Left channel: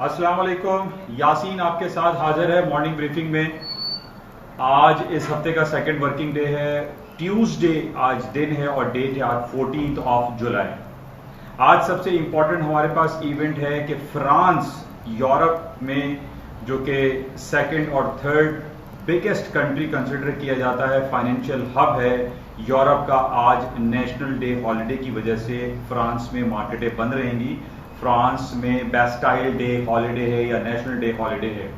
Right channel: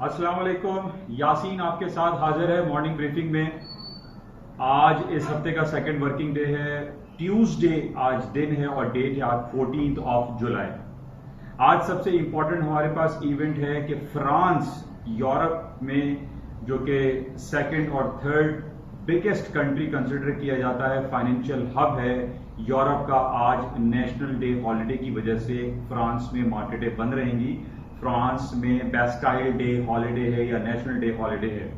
अस्सलाम वालेकुम। यासीन आपके साथ हाजिर है मॉर्निंग ब्रीफिंग में। आज इस हफ्ते का सेकंड वर्किंग डे है, ट्यूसडे आज दिन है और डेट है आज 14 जुलाई। आज सबसे इंपॉर्टेंट हमारे पास इवेंट है कि फ्रांस यूरोप में जो कि सेकंड और थर्ड बिगेस्ट कंट्री कंसिडर किया जाता है, फाइनेंशियल हब है यूरोप का, आज नेशनल डे हॉलिडे की वजह से फ्रांस में मार्केटें बंद रहेंगी। फ्रांस में बैस्टाइल डे हॉलिडे है या नेशनल डे हॉलिडे है।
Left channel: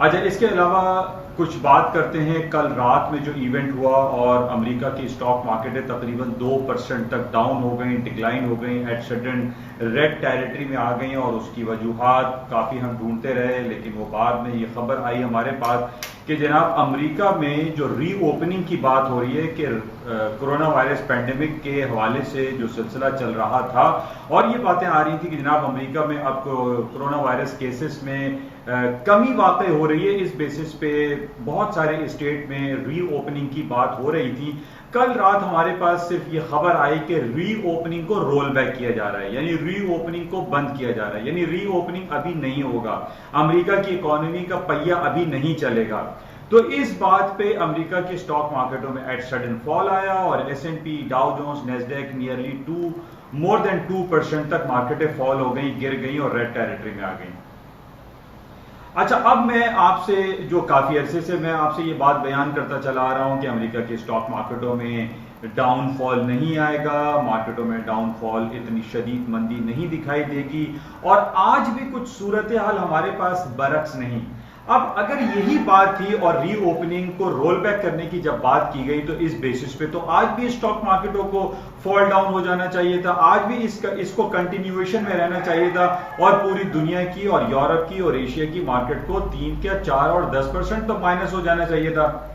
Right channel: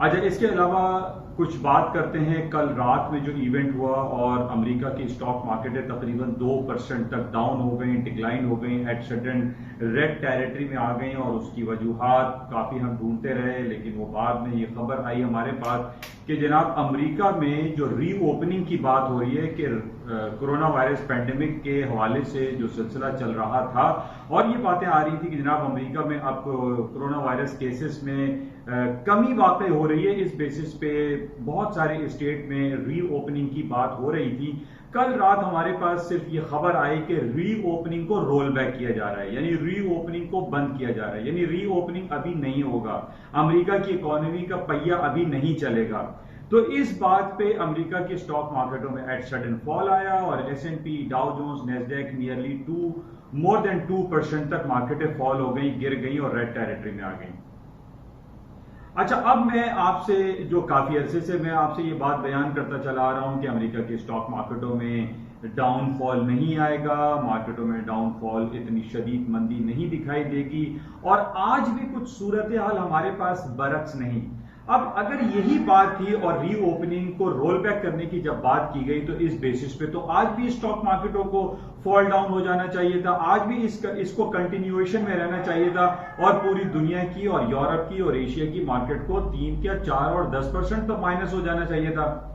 अच्छा, इसके अलावा कुछ बात करते हैं कल रात में जो इवेंट हुआ और अमेरिका की स्टॉक मार्केटें तकरीबन 2% तक डाउन हो गई, डिक्लाइन हो गई, एट सडन रेड टेरिटरी में आ गई और उसकी वजूहात काफ़ी हम ढूंढते रहे, लेकिन वो बाद में ये खबर आई हमारे पास कि जनाब अमेरिका में जो रीओपनिंग की बात हो रही है कि कोरोना वायरस पैंडेमिक के हवाले से जो सिलसिला चल रहा था और ये बातें आ रही थी कि जनाब अमेरिका में अब कोरोना वायरस केसेस में कमी वाक़ई हो रही है। इस बेसिस पे बहुत सारे स्टेट में रीओपनिंग की बात हो रही थी। कल रात हमारे पास सिर्फ ये खबर आई कि रीओपनिंग को रोल बैक किया जा रहा है, यानी रीओपनिंग को बंद किया जा रहा है, यानी रीओपनिंग अभी नहीं होगा, अमेरिका की इकोनॉमी का पहिया अभी नहीं चलेगा। तो इस बात पे अमेरिका की स्टॉक मार्केटों में एट सडन फॉल आया और S&P, Dow Jones, Nasdaq nearly more than 2% तक मार्केटें फॉल हो गई, गिर गई और रेड टेरिटरी में आ गई। अच्छा, अब मैं आपसे जो काफ़ी अरसे से मैं आपसे ये बात बयान करता चला आ रहा हूँ कि अमेरिका के स्टॉक मार्केटों में डाउनफॉल नहीं आएगा, मार्केटों में डाउनफॉल इतनी शदीद मंदी नहीं दिखाई देगी और आज भी कुछ सूरत हाल हमारे पास बरक्स नहीं। अब अगर यही बात थी और रीओपनिंग को रोल बैक करने की जब बात की गई तो इस बेसिस पे तो आज भी स्टॉक मार्केटों को फॉल डाउन हो जाना चाहिए था, आज भी इसको कंटिन्यूएशन में रहना चाहिए था और पूरी दुनिया की और यूरोप की और एशिया की मार्केट को 3 या 4 और 10% तो माइनस हो जाना चाहिए था।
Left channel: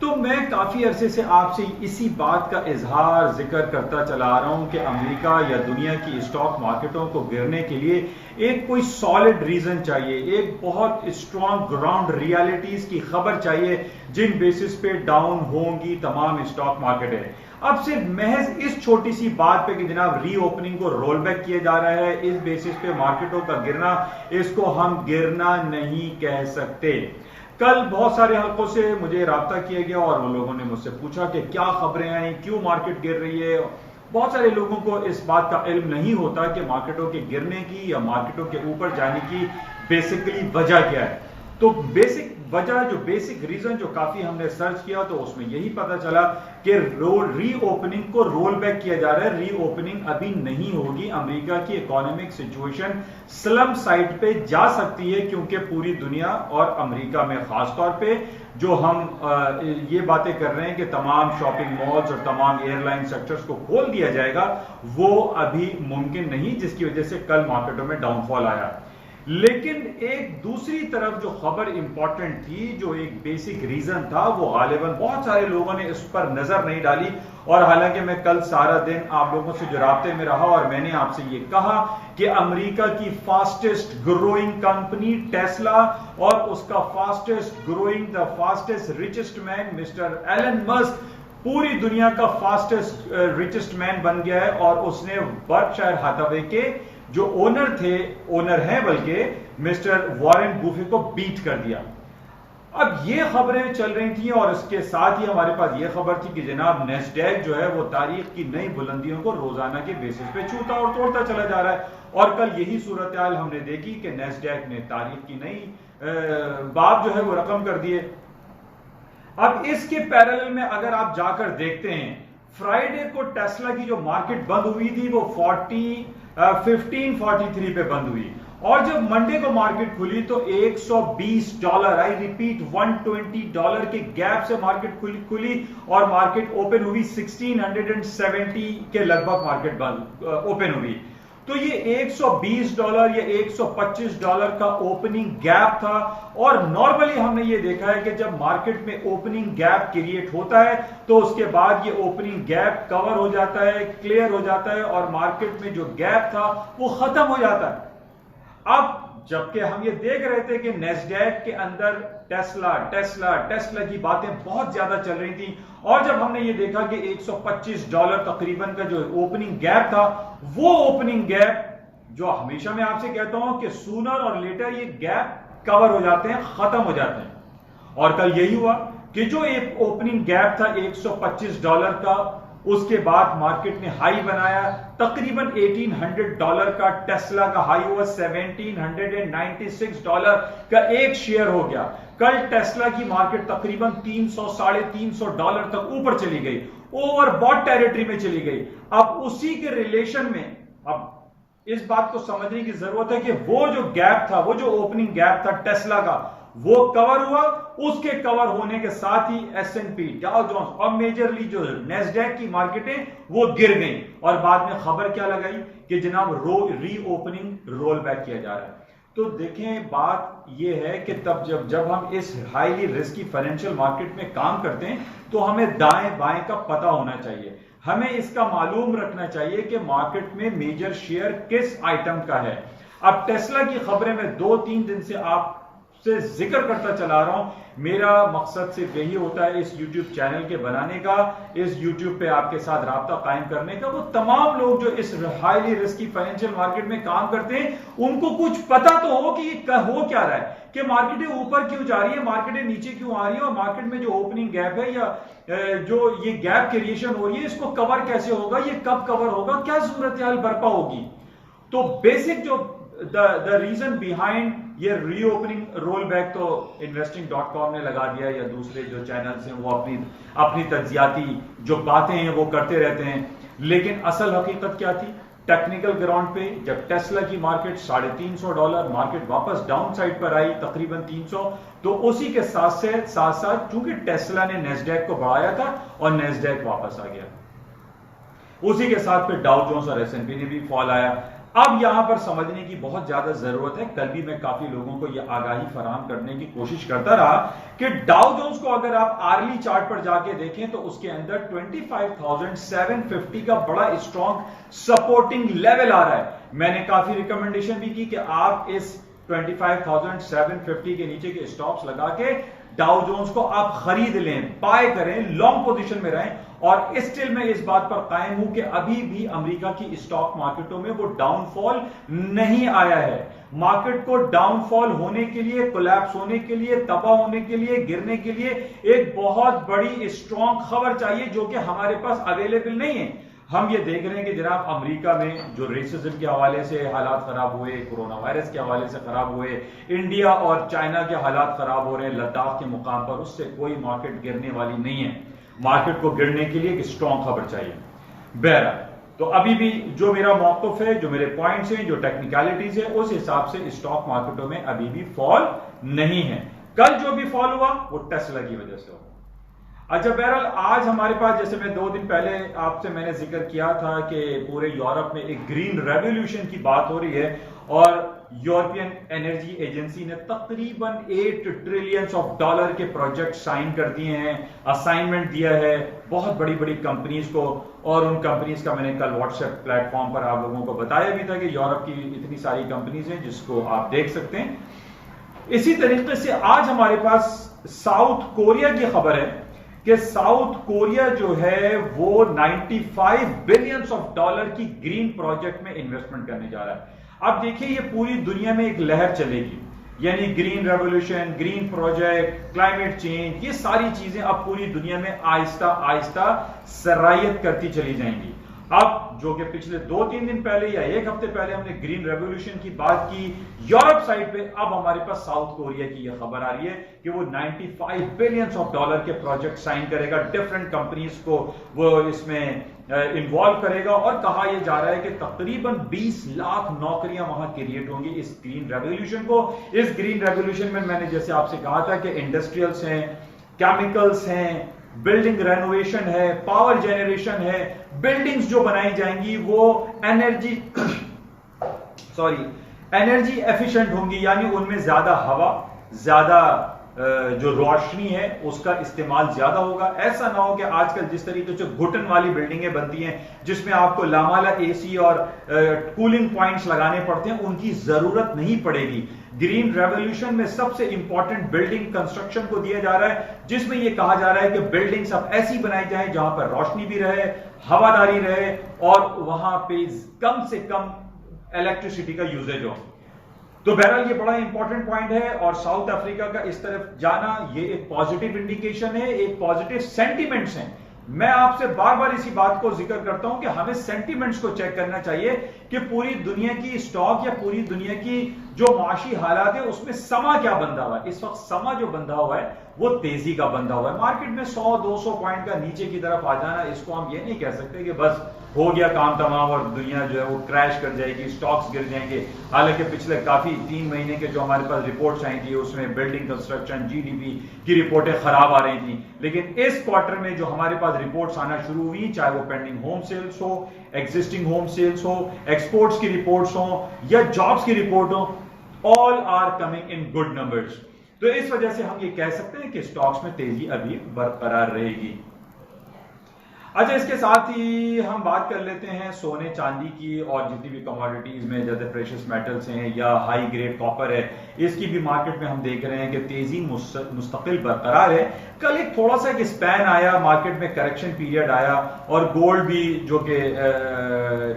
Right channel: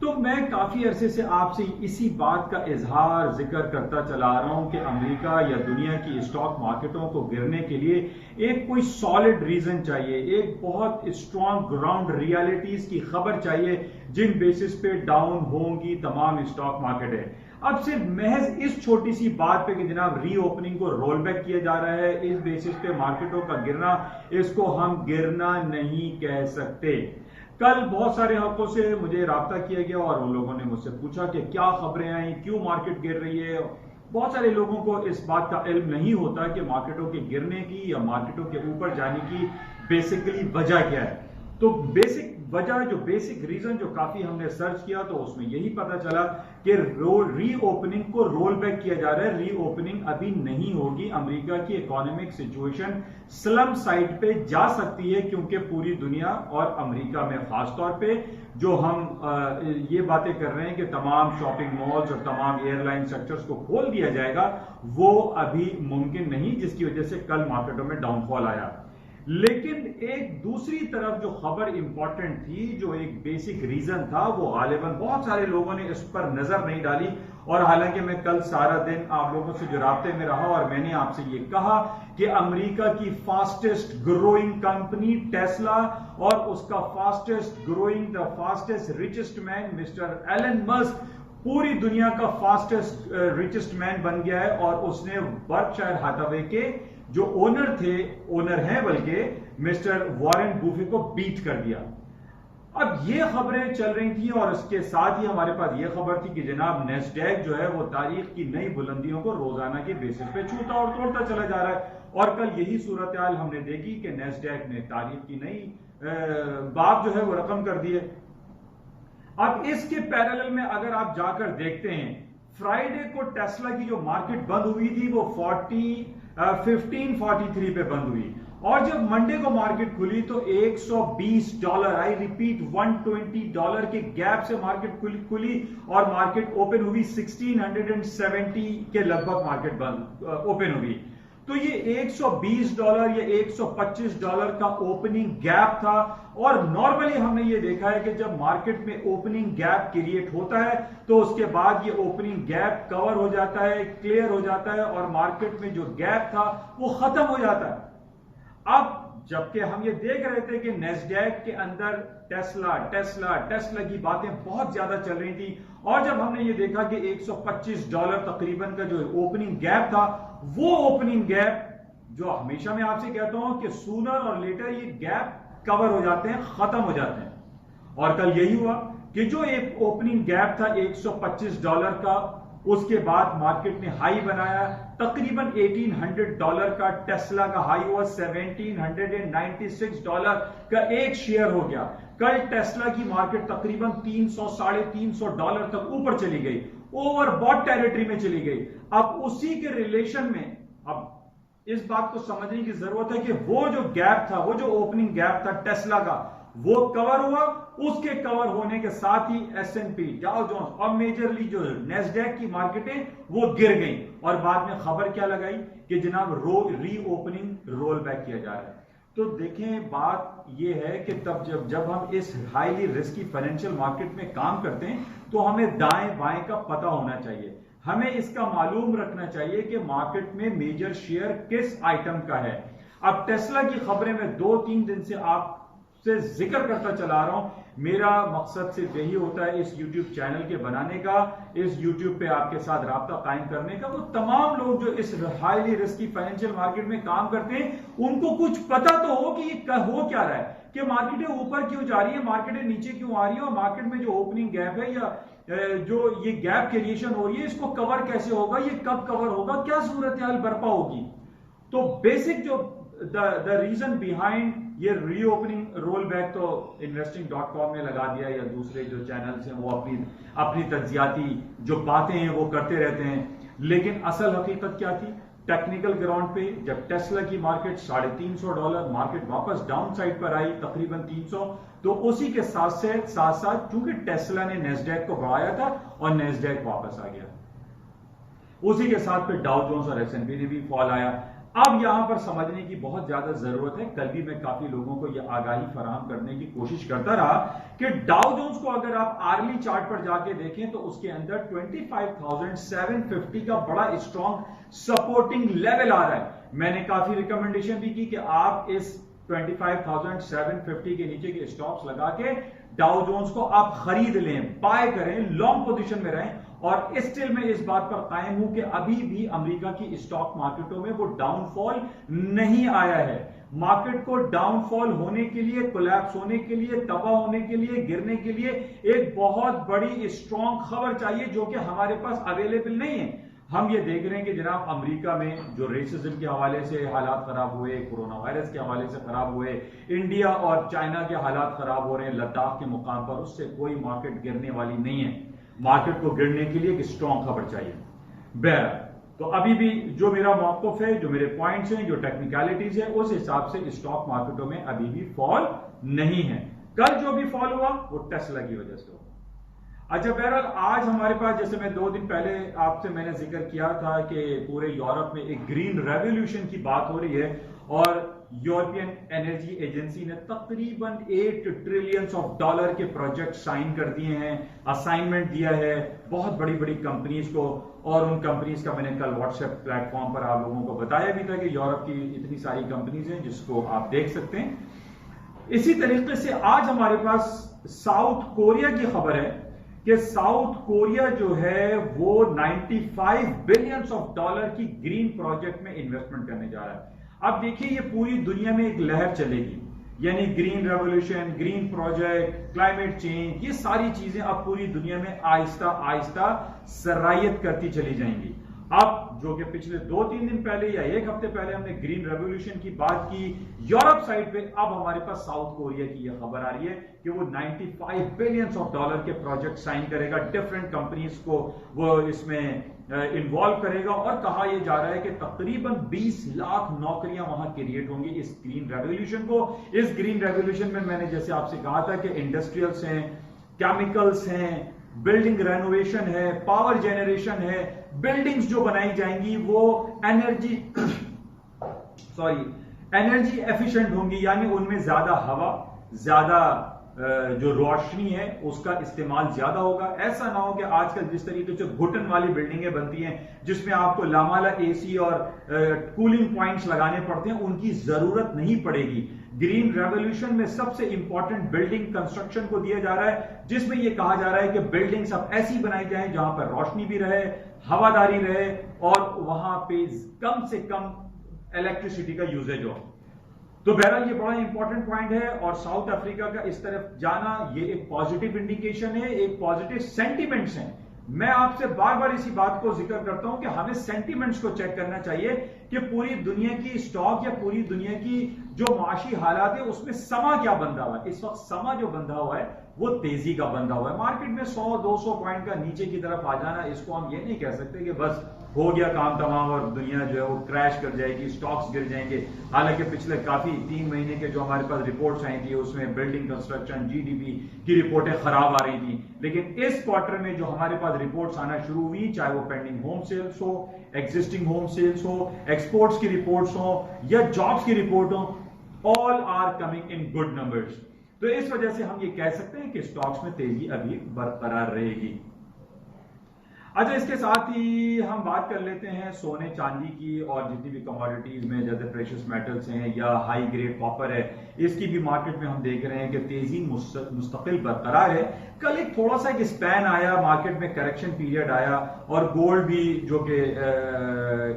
तो मैं काफी अरसे से आपसे इसी बात का इजहार जिक्र करता चला आ रहा हूं कि अमेरिका या दुनिया की स्टॉक मार्केटों को गिरने के लिए एक कोई सॉलिड रीजन चाहिए, एक बहुत स्ट्रॉन्ग ग्राउंड रियलिटीज की खबर चाहिए जिन बेसिस पे डाउन होंगी तमाम स्टॉक मार्केटें। अब सिर्फ महज इस छोटी सी बात पे कि जनाब रीओपनिंग को रोल बैक किया जा रहा है, इस बेसिस पे मार्केटों का गिरना, इसको हम गिरना नहीं कह सकते। कल बहुत सारे हल्कों से मुझे राब्ता किया गया और वो लोगों ने मुझसे पूछा कि क्या खबरें आई, क्यों मार्केट गिर रही है। बहुत सारे लोगों को इस बात का इल्म नहीं होता कि मार्केटों के गिरने की या मार्केटों के ऊपर जाने की बेसिकली वजह क्या है। तो बेसिक वजह, जो बेसिक रीजन जो काफी हमने सर्च किया तो उसमें यही पता चला कि रीओपनिंग को रोल बैक किया जा रहा है, रीओपनिंग अभी नहीं होगी। अमेरिका की इकोनॉमिक सिचुएशन स्लम साइड पे जा सकती है क्योंकि पूरी दुनिया और अमेरिका में खास तौर पे जो हम ये बातें कर रहे हैं कि तमाम शॉपिंग मॉल्स और तमाम एयरलाइन सेक्टर्स को खोल दिया जाएगा, वो अभी मुमकिन नहीं, जिसकी वजह से कल मार्केटों में डाउनफॉल आया। लेकिन एक दूसरी तरफ जो खबर इंपॉर्टेंट थी, जो एक बेसिक रीजन था, वो गालिबन बहुत सारे लोगों ने इस पर नजर नहीं डाली और हालांकि मैं कल सारा दिन आप लोगों से जो राब्ते में रहा और मैंने आपसे ये कहा कि अमेरिका की फास्टेस्ट ग्रोइंग कंपनी टेस्ला और उसका fastest growing the fastest richest man mister Elon Musk पूरी दुनिया का फास्टेस्ट रिचेस्ट मैन बन गया है और उसने बर्कशायर हाथावे के जो ओनर हैं बल्कि मिस्टर वॉरेन बुफे को बीट कर दिया। अब ये खबरें चल रही थी और इसके साथ ही हमारे पास ये खबर थी कि जनाब नेस्डैक जो है वो तारीख की नई बुलंदियों को रोजाना के बेसिस पे छूता और तोड़ता चला जा रहा है और कल यही सूरत हाल हमने देखी कि नेस्डैक ने तारीख की नई बाब जो है वो रकम कर दिए। अब इसके पैरेलल में अगर आप जाकर देखते हैं, फ्राइडे को टेस्ला की जो मार्केट बंद हुई थी वो 1543 पे बंद हुई और जब मंडे को मार्केट खुली तो $120, आई रिपीट $120 के गैप से मार्केट खुली और मार्केट ओपन हुई 1670 के लगभग मार्केट ओपन हुई। तो ये $120 या $125 का ओपनिंग गैप था और नॉर्मली हमने ये देखा है कि जब मार्केट में ओपनिंग गैप क्रिएट होता है तो उसके बाद ये ओपनिंग गैप कवर हो जाता है, क्लियर हो जाता है और मार्केट में जो गैप था वो खत्म हो जाता है। अब जबकि हम ये देख रहे थे कि नेस्डैक के अंदर टेस्ला की बातें बहुत ज्यादा चल रही थी और जब हमने ये देखा कि $125 तकरीबन का जो ओपनिंग गैप था वो ओपनिंग गैप जो हमेशा मैं आपसे कहता हूं कि सूनर और लेटर ये गैप कवर हो जाते हैं, खत्म हो जाते हैं। और कल यही हुआ कि जो एक ओपनिंग गैप था $125 का, उसके बाद मार्केट ने हाई बनाया तकरीबन $1800 का। टेस्ला का हाई हुआ $1796 का एक शेयर हो गया। कल टेस्ला की मार्केट तकरीबन $300-350 तक ऊपर चली गई, ओवरबॉट टेरिटरी में चली गई। अब उसी के रिलेशन में अब इस बात को समझने की जरूरत है कि वो जो गैप था, वो जो ओपनिंग गैप था टेस्ला का, वो कवर हुआ। उसके कवर होने के साथ ही S&P, डाउ जोन्स और मेजरली जो नेस्डैक की मार्केटें वो गिर गई। और बाद में खबर क्या लगाई कि जनाब रीओपनिंग रोल बैक किया जा रहा है। तो देखें, बात यह है कि तब जब हम इस हाईली रिस्की फाइनेंशियल मार्केट में काम करते हैं तो हमें दाएं बाएं का पता होना चाहिए। हमें इसका मालूम रखना चाहिए कि मार्केट में मेजर शेयर किस आइटम का है। अब टेस्ला की खबरें मैं 2-3 दिन से आपसे जिक्र करता चला रहा हूं। मेरा मकसद सिर्फ यही होता है इस YouTube चैनल के बनाने का, इस YouTube पे आपके साथ राब्ता कायम करने का। वो तमाम लोग जो इस हाईली रिस्की फाइनेंशियल मार्केट में काम करते हैं, उनको कुछ पता तो हो कि ये हो क्या रहा है, कि मार्केटें ऊपर क्यों जा रही है, मार्केटें नीचे क्यों आ रही है, और मार्केट में जो ओपनिंग गैप है या जो ये गैप क्रिएशन हो रही है, इसको कवर कैसे होगा, ये कब कवर होगा, क्या सूरत हाल बर्पा होगी। तो बेसिक जो द रीजन बिहाइंड ये रीओपनिंग रोल बैक तो investing.com ने लगा दिया, या दूसरे जो चैनल्स हैं वो अपनी तज्जियाती जो बातें हैं वो करते रहते हैं। लेकिन असल हकीकत क्या थी? टेक्निकल ग्राउंड पे जब टेस्ला की मार्केट $350, मार्केट वापस डाउन साइड पर आई तकरीबन 300, तो उसी के साथ साथ चूंकि टेस्ला ने नेस्डैक को बढ़ाया था और नेस्डैक वापस आ गया, उसी के साथ फिर डाउ जोन्स और S&P ने भी फॉल आया। अब यहां पर समझने की बहुत ज्यादा जरूरत है। कल भी मैं काफी लोगों को यह आगाही फराहम करने की कोशिश करता रहा कि डाउ जोन्स को अगर आप आर्ली चार्ट पर जाके देखें तो उसके अंदर 25,750 का बड़ा स्ट्रॉन्ग सपोर्टिंग लेवल आ रहा है। मैंने काफी रिकमेंडेशन भी की कि आप इस 25,750 के नीचे के स्टॉप्स लगा के डाउ जोन्स को आप खरीद लें, बाय करें, लॉन्ग पोजीशन में रहें। और स्टिल मैं इस बात पर कायम हूं कि अभी भी अमेरिका की स्टॉक मार्केटों में वो डाउनफॉल नहीं आया है। मार्केट को डाउनफॉल होने के लिए, कोलैप्स होने के लिए, तबाह होने के लिए, गिरने के लिए एक बहुत बड़ी स्ट्रॉन्ग खबर चाहिए, जो कि हमारे पास अवेलेबल नहीं है। हम ये देख रहे हैं कि जनाब अमेरिका में जो रेसिज्म के हवाले से हालात खराब हुए, कोरोना वायरस के हवाले से खराब हुए, इंडिया और चाइना के हालात खराब हो रहे हैं लद्दाख के मुकाम पर, उससे कोई मार्केट गिरने वाली नहीं है। मार्केट को गिरने के लिए एक स्ट्रॉन्ग खबर चाहिए। बहरहाल, तो अभी भी जो मेरा मौक़िफ़ है, जो मेरे पॉइंट्स हैं, जो टेक्निकलिटीज है, उस हिसाब से स्टॉक मार्केटों में अभी भी फॉल नहीं है। कल जो भी फॉल हुआ वो टेस्ला की वजह से हुआ। अच्छा, बहरहाल आज हमारे पास, जैसे मैं 2 दिन पहले आपसे मैंने जिक्र किया था कि पूरे यूरोप में एक ग्रीन रेवोल्यूशन की बात हो रही है, और यूरोपियन एनर्जी एजेंसी ने तकरीबन $8 ट्रिलियन के प्रोजेक्ट साइन कर दिए हैं, असाइनमेंट दिया है बहुत बड़ी बड़ी कंपनीज को। और उन कंपनीज का मैंने कल व्हाट्सएप प्लेटफॉर्म पर आप लोगों को बताया भी था कि यूरोप की इतनी सारी कंपनीज हैं जिसको आप देख सकते हैं। इसी तरीके से आज हमारे पास साउथ कोरिया की खबर है कि साउथ कोरिया जो है वो $95 बिलियन की ग्रीन प्रोजेक्ट में इन्वेस्टमेंट करने जा रहा है। अब देखिए, ये पूरी दुनिया में एक लहर चलेगी, यानी green revolution, green project, climate change, ये सारी चीजें अब पूरी दुनिया में आहिस्ता आहिस्ता सरायत करती चली जाएंगी। अब जो कि पिछले 2-3 दिन पहले या 1 हफ्ते पहले हमने ग्रीन रेवोल्यूशन की बात की यूरोप साइड पे, अब हमारे पास साउथ कोरिया की यह खबर आ रही है कि वो $95 बिलियन के प्रोजेक्ट साइन करेगा, डिफरेंट कंपनीज को वो इसमें इन्वॉल्व करेगा। और कहा यह जा रहा है कि तकरीबन 20 लाख नौकरियां वहां क्रिएट होंगी इस ग्रीन रेवोल्यूशन को। इस ग्रीन रेवोल्यूशन में मैंने जैसे आपसे कहा था कि इंडस्ट्रियल्स हैं, केमिकल्स हैं, बिल्डिंग रेनोवेशन है, पावर जनरेशन है, बिल्डिंग्स जो बनाई जाएंगी वो एनर्जी एफिशिएंट होंगी, यानी उनमें ज्यादा हवा, ज्यादा जो रोशनी है उसका इस्तेमाल ज्यादा होगा। ऐसा ना हो कि आजकल जिस तरीके से घुटन वाली बिल्डिंगें बनती हैं जिसमें आपको लामाला एसी और कूलिंग पॉइंट्स लगाने पड़ते हैं, उनकी जरूरत नहीं पड़ेगी। ग्रीन रेवोल्यूशन में सबसे इंपॉर्टेंट बिल्डिंग कंस्ट्रक्शन को दिया जा रहा है, जिसमें यह कहा जा रहा है कि बिल्डिंग्स अब ऐसी बनाई जाए जहां पर रोशनी भी रहे, हवादारी रहे, और वहां पे कम से कम इलेक्ट्रिसिटी का यूजेज हो। तो बहरहाल ये बड़ा इंपॉर्टेंट पॉइंट है और साउथ अफ्रीका का इस तरफ जाना ये एक पॉजिटिव इंडिकेशन है, एक पॉजिटिव सेंटिमेंट्स हैं। मैं आपसे बार बार इसी बात को जिक्र करता हूं कि हमें सेंटिमेंट्स को चेक करना चाहिए कि पूरी दुनिया की स्टॉक या पूरी दुनिया की जो माशी हालात है उसमें समा क्या बंधा हुआ है। इस वक्त समा जो बंधा हुआ है वो तेजी का बंधा हुआ है। मार्केट में 100-200 पॉइंट का नीचे की तरफ आ जाना, इसको हम ये नहीं कह सकते कि बस हो गया काम तमाम और दुनिया जो है वो क्रैश कर जाएगी, स्टॉक्स गिर जाएंगे। हालांकि पिछले काफी 3 महीने के जो हमारे पास रिपोर्ट्स आई थी उसमें बिल्डिंग कंस्ट्रक्शन, जीडीपी की रिपोर्टें खराब आ रही थी, लेकिन इस क्वार्टर में जो हमारे पास रिपोर्ट्स आना शुरू हुई, चाहे वो पेंडिंग होम सेल्स हो, एग्जिस्टिंग होम सेल्स हो, एक्सपोर्ट्स की रिपोर्ट्स हो या जॉब्स की रिपोर्ट हो, all are coming in good numbers. तो इस वजह से हम ये कह सकते हैं कि स्टॉक्स में तेजी अभी बरकरार रहेगी। अच्छा, इसके साथ ही हम बात कर लेते हैं सोने चांदी की और जितनी भी कमोडिटीज में जैसे प्रेशियस मेटल्स हैं या हाई ग्रेड कॉपर है, इसकी भी मार्केट में हम देख रहे हैं कि तेजी मुस्तकिल बरकरार है। कल एक थोड़ा सा एक स्पैन आया, मार्केट में करेक्शन पीरियड आया और गोल्ड भी जो कि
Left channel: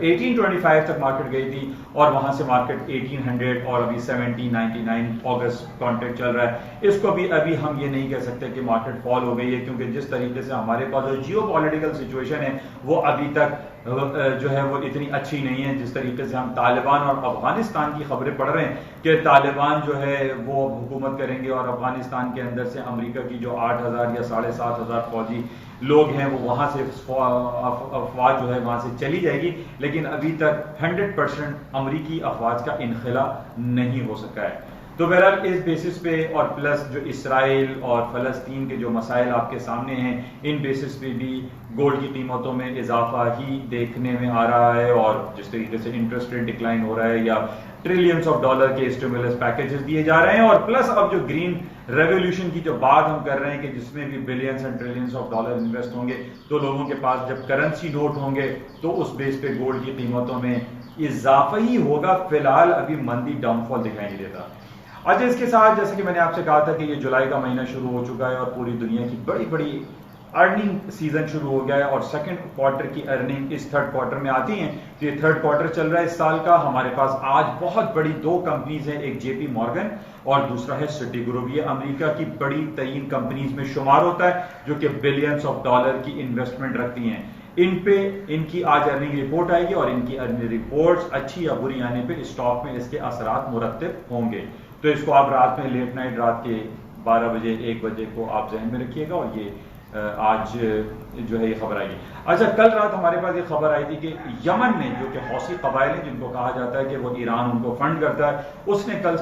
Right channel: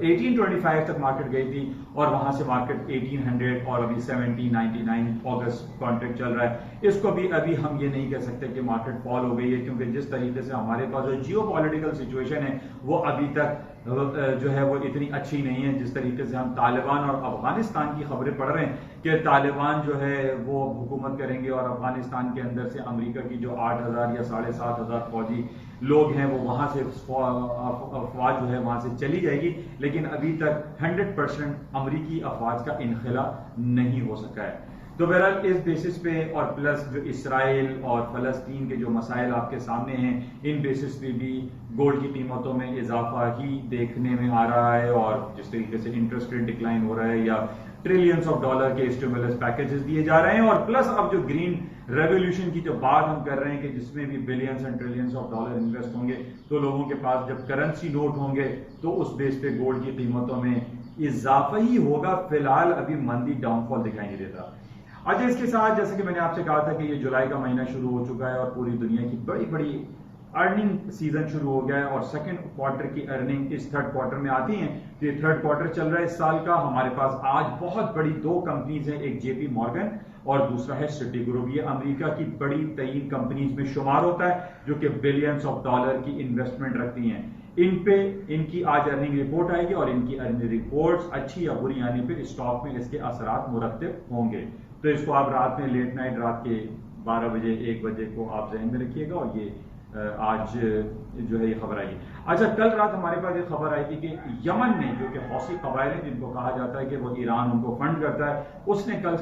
1825 तक मार्केट गई थी और वहां से मार्केट 1800 और अभी 1799 अगस्त कॉन्ट्रैक्ट चल रहा है। इसको भी अभी हम ये नहीं कह सकते कि मार्केट फॉल हो गई है, क्योंकि जिस तरीके से हमारे पास जो जियोपॉलिटिकल सिचुएशन है वो अभी तक जो है वो इतनी अच्छी नहीं है। जिस तरीके से हम तालिबान और अफगानिस्तान की खबरें पढ़ रहे हैं कि तालिबान जो है वो अब हुकूमत करेंगे और अफगानिस्तान के अंदर से अमेरिका की जो 8000 या 7500 फौजी लोग हैं वो वहां से अफवाज जो है वहां से चली जाएगी, लेकिन अभी तक 100% अमरीकी अफवाज का इनखला नहीं हो सका है। तो बहरहाल इस बेसिस पे और प्लस जो इसराइल और फलस्तीन के जो मसाइल आपके सामने हैं, इन बेसिस पे भी गोल्ड की कीमतों में इजाफा ही देखने में आ रहा है। और जिस तरीके से इंटरेस्ट रेट डिक्लाइन हो रहा है या ट्रिलियंस ऑफ डॉलर के स्टिमुलस पैकेजेस दिए जा रहे हैं और प्लस अब जो ग्रीन रेवोल्यूशन की जो बात हम कर रहे हैं कि जिसमें भी billions and trillions of dollar invest होंगे, तो लोगों के पास जब करेंसी नोट होंगे तो उस बेस पे गोल्ड की कीमतों में इजाफा ही होगा। फिलहाल अभी मंदी डाउनफॉल दिखाई नहीं देता। अच्छा, इसके साथ जैसे कि मैंने आपसे कहा था कि ये जुलाई का महीना शुरू हो चुका है और पूरी दुनिया की बड़ी बड़ी अर्निंग सीजन शुरू हो गया है और सेकंड क्वार्टर की अर्निंग इस थर्ड क्वार्टर में आती हैं। तो ये थर्ड क्वार्टर चल रहा है इस साल का। हमारे पास आज बहुत बड़ी 2 कंपनीज हैं, एक जेपी मॉर्गन और दूसरा है सिटी ग्रुप। ये अमेरिका की बड़ी तरीन कंपनीज में शुमार होता है जो कि बिलियंस ऑफ डॉलर की इन्वेस्टमेंट रखती हैं। इन पे इनकी आज अर्निंग रिपोर्ट आएगी और इनकी अर्निंग रिपोर्ट्स अच्छी या बुरी आने पे स्टॉक में इसके असरात मुरत्तिब होंगे। तो इसको आप रात में लेट नाइट रात के 12 बजे 1 बजे को आप जहन में रखिएगा और ये आज जो है ये खबर आई। अच्छा, कल रात हमारे पास ये खबर आई थी कि यमन में जो कि हौसी कबाइल है जिनको कहा जाता है कि वो ईरान उनको फंड करता है, उसने कल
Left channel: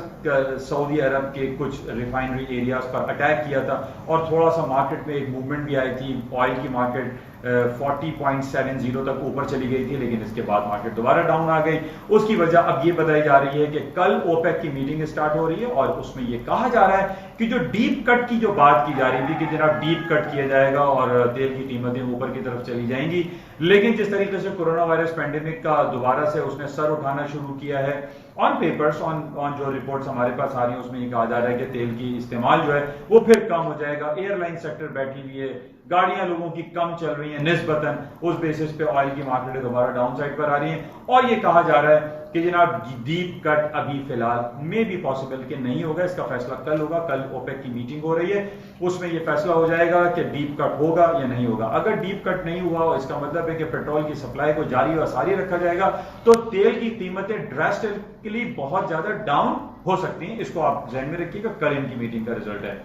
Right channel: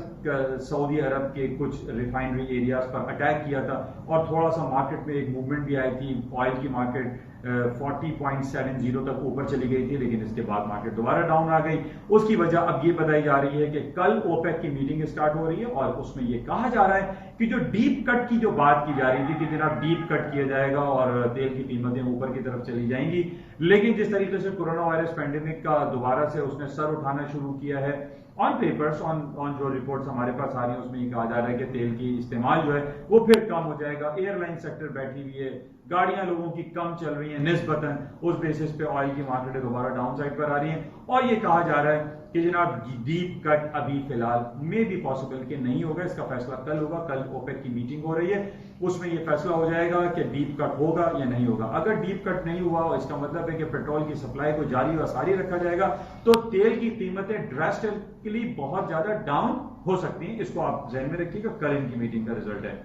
सऊदी अरब के कुछ रिफाइनरी एरियाज पर अटैक किया था और थोड़ा सा मार्केट में एक मूवमेंट भी आई थी। ऑयल की मार्केट 40.70 तक ऊपर चली गई थी, लेकिन इसके बाद मार्केट दोबारा डाउन आ गई। उसकी वजह अब ये बताई जा रही है कि कल ओपेक की मीटिंग स्टार्ट हो रही है और उसमें ये कहा जा रहा है कि जो डीप कट की जो बात की जा रही थी कि जनाब डीप कट किया जाएगा और तेल की कीमतें ऊपर की तरफ चली जाएंगी, लेकिन जिस तरीके से कोरोना वायरस पैंडेमिक का दोबारा से उसने सर उठाना शुरू किया है, ऑन पेपर्स ऑन जो रिपोर्ट्स हमारे पास आ रही हैं उसमें ये कहा जा रहा है कि तेल की इस्तेमाल जो है वो फिर कम हो जाएगा। एयरलाइन सेक्टर बैठी हुई है, गाड़ियां लोगों की कम चल रही हैं निस्बतन, उस बेसिस पे ऑयल की मार्केटें दोबारा डाउन साइड पर आ रही हैं और ये कहा जा रहा है कि जनाब डीप कट अभी फिलहाल में भी पॉसिबल कि नहीं होगा। इसका फैसला कल होगा। कल ओपेक की मीटिंग हो रही है, उसमें यह फैसला हो जाएगा कि डीप कट होगा या नहीं होगा। अगर डीप कट नहीं हुआ इसका मतलब है कि पेट्रोल की सप्लाई को जारी और सारी रखा जाएगा तो तेल की कीमतें ड्रास्टिकली बहुत ज्यादा डाउन हो सकती हैं। इसको आप ध्यान में रखिएगा, कल इनकी मीटिंग का रिजल्ट है।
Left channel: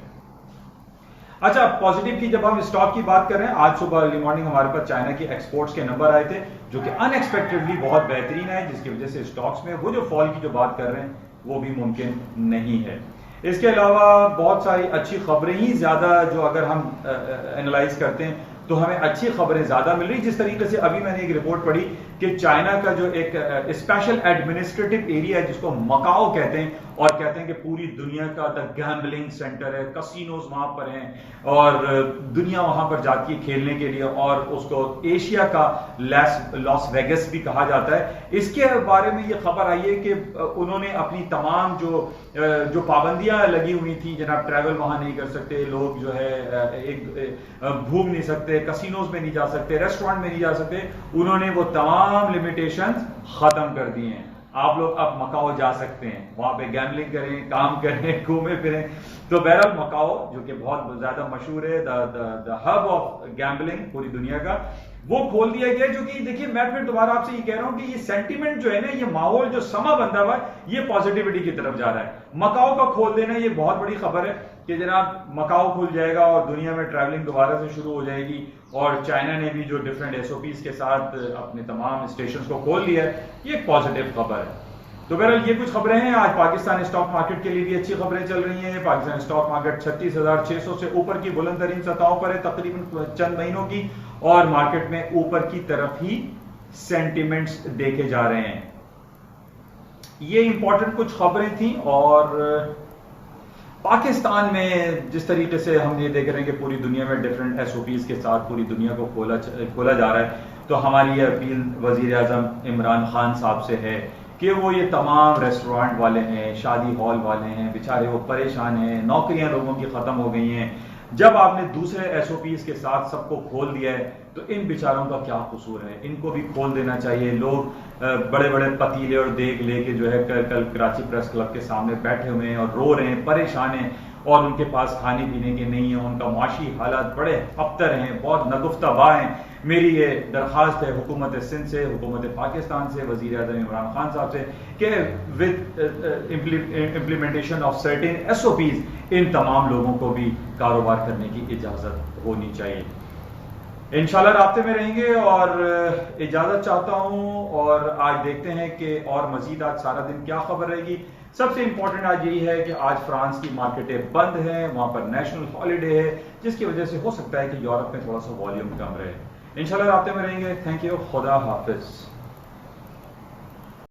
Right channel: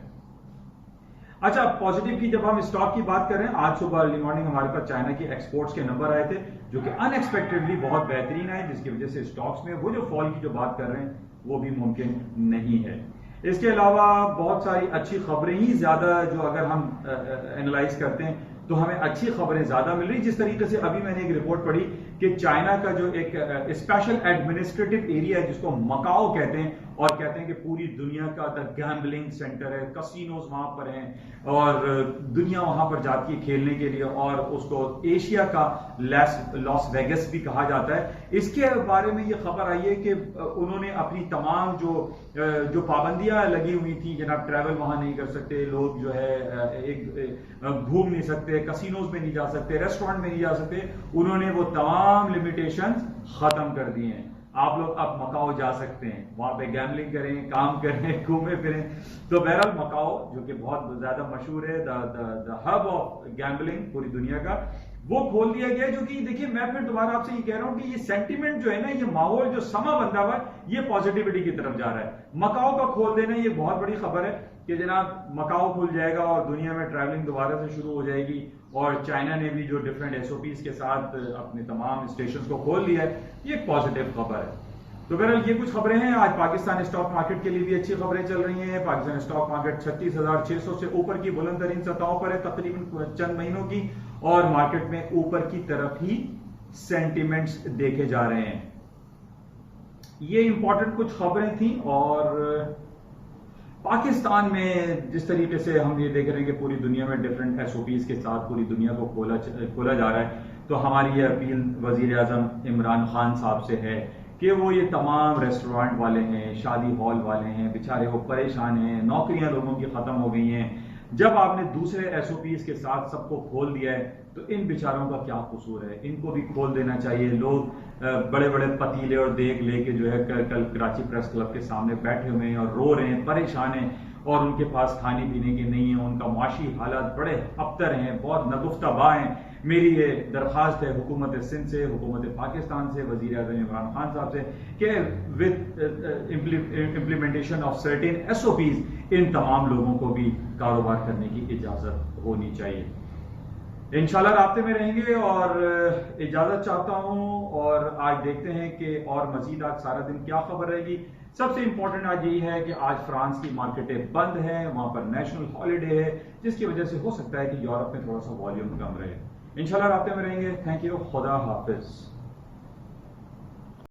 अच्छा, पॉजिटिव की जब हम स्टॉक की बात कर रहे हैं, आज सुबह अर्ली मॉर्निंग हमारे पास चाइना की एक्सपोर्ट्स के नंबर आए थे जो कि अनएक्सपेक्टेडली बहुत बेहतरीन है, जिसकी वजह से स्टॉक्स में वो जो फॉल की जो बात कर रहे हैं वो भी मुमकिन नहीं है। इसके अलावा बहुत सारी अच्छी खबरें ही ज्यादा जो अगर हम एनालाइज करते हैं तो हमें अच्छी खबरें ज्यादा मिल रही। जिस तरीके से अभी मैंने एक रिपोर्ट पढ़ी कि चाइना का जो एक स्पेशल एडमिनिस्ट्रेटिव एरिया है जिसको मकाओ कहते हैं और कहते हैं कि पूरी दुनिया का द गैम्बलिंग सेंटर है, कसिनोज वहां पर हैं और दुनिया वहां पर जाती है खेलने के लिए और उसको एशिया का लॉस वेगस भी कहा जाता है। इसके बारे में ये खबर आई है कि उन्होंने अपनी तमाम जो पाबंदियां लगी हुई थी, जनाब ट्रैवल वहां नहीं कर सकते, लोग जो है घूम नहीं सकते, कसिनोज में नहीं जा सकते, रेस्टोरेंट में नहीं जा सकते, उन्होंने वो तमाम लिमिटेशंस खत्म कर दी हैं। आप लोग अब मकाओ जा सकते हैं, वहां पे गैम्बलिंग करें, काम करें, घूमे फिरें। तो बहरहाल मकाओ जो कि बहुत ज्यादा मशहूर है, द हब ऑफ गैम्बलिंग पूरी दुनिया का, वो खोल दिया गया। जो कि देखिए मैं फिर दोबारा आपसे ये कह रहा हूं कि ये सेंटीमेंट जो है ना, ये माहौल जो समा बंधा हुआ है, ये पॉजिटिविटी की तरफ जा रहा है। मकाओ का खोल देना ये बहुत बड़ी खबर है कि जनाब मकाओ खुल जाएगा और दुनिया में ट्रैवलिंग दोबारा से शुरू हो जाएगी। और चाइना ने भी जो डिफरेंट एसओपीज के साथ अपने तमाम स्टेशंस को खोल दिया है, ये एक पॉजिटिव खबर है। तो बहरहाल ये कुछ खबरें हैं। आज पाकिस्तान स्टॉक मार्केट के लिए भी अच्छी खबरें चल रही हैं। पाकिस्तान स्टॉक मार्केट 36,600 से ऊपर की बुलंद तरीन सतहों पर है तकरीबन चंद महीनों की, और मार्केट में ऊपर की तरफ ही सेंटिमेंट्स देखे जा रहे हैं। ये इंपॉर्टेंट कुछ खबरें थी। और पाकिस्तान में जिस तरीके से हम ये देख रहे हैं कि पूरी दुनिया में डिफरेंट एसओपीज के साथ पूरी दुनिया को खोला जा रहा है, तो हमारी ये अपील वजीर आजम इमरान खान साहब से है कि वो ये तमाम रेस्टोरेंट वाले हैं, शादी हॉल वाले हैं, बेचारे वो परेशान हैं, नौकरियां लोगों की खत्म हो गई हैं। जब आपने दूसरे एसओपीज के साथ सबको खोल दिया है, तो इन बेचारों का क्या कसूर है? इनको भी खोल देना चाहिए। लोग बड़े बड़े पतीले और देग लेके जो है कल कराची प्रेस क्लब के सामने बैठे हुए हैं और रो रहे हैं, परेशान हैं, और उनके पास खाने पीने के नहीं है। उनका माशी हालात बड़े अबतर हैं, बहुत नगुफ्ताबा हैं। मेरी ये दरख्वास्त है हुकूमत सिंध से, हुकूमत पाकिस्तान से, वजीर आज़म इमरान खान साहब से कि with implementation of certain SOPs इन तमाम लोगों को भी कारोबार करने की इजाज़त होनी चाहिए। इंशाल्लाह राब्ते में रहेंगे और इजाज़त चाहता हूँ। और आज देखते हैं कि और मजीद आज सारा दिन क्या खबर रहेगी। सबसे इंपॉर्टेंट आज यही है कि आज फ्रांस की मार्केटें बंद हैं, वहां पर नेशनल हॉलिडे है, जिसकी वजह से हो सकता है कि यूरोप में थोड़ा सा वॉल्यूम कम रहे। इंशाल्लाह राब्ते में रहेंगे। थैंक यू, खुदा हाफिज।